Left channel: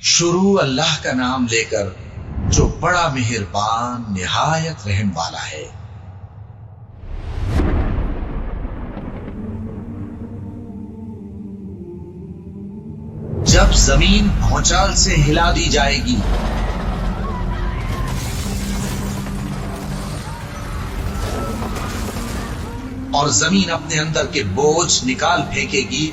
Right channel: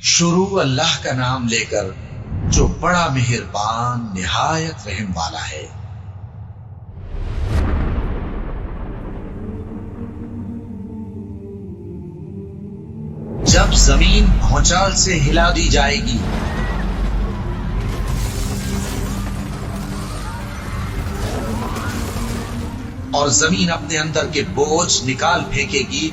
شروع اللہ کا نام لے کر جو بڑا مہربان نہایت رحم والا ہے۔ جب زمین بھونچال سے ہلا دی جائے گی اور زمین اپنے اندر کے بوجھ نکال پھینکے گی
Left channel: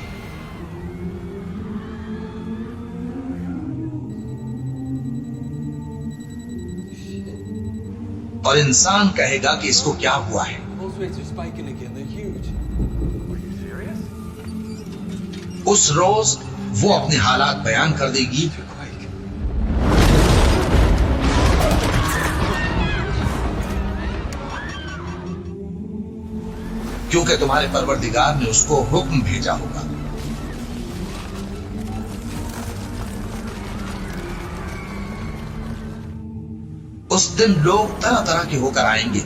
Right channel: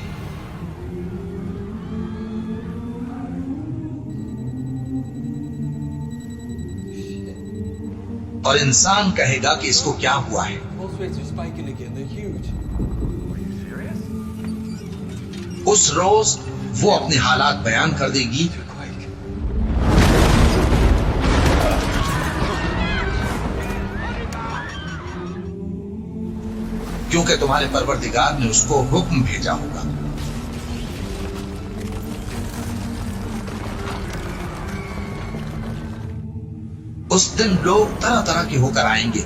اور انسان کہے گا کہ اس کو کیا ہوا ہے، اس روز وہ اپنے حالات بیان کر دے گی کیونکہ تمہارے پروردگار نے اس کو حکم بھیجا ہوگا۔ اس دن لوگ طرح طرح کے ہو کر آئیں گے،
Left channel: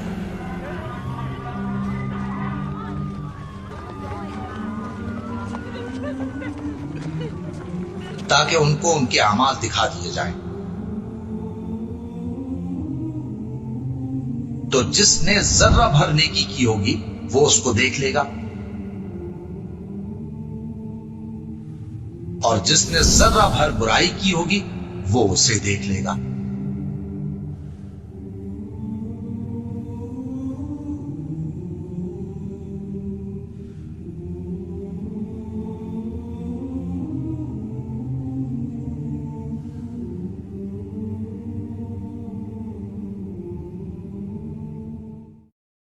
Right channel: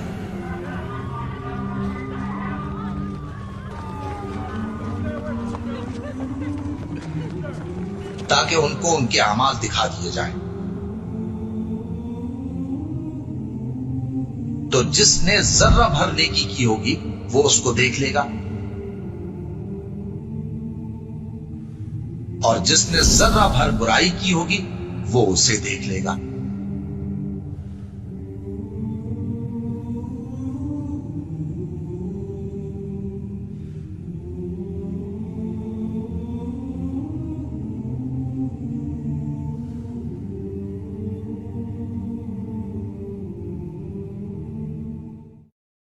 تاکہ ان کو ان کے اعمال دکھا دیے جائیں۔ تو جس نے ذرہ بھر نیکی کی ہوگی وہ اس کو دیکھ لے گا، اور جس نے ذرہ بھر برائی کی ہوگی وہ اسے دیکھ لے گا۔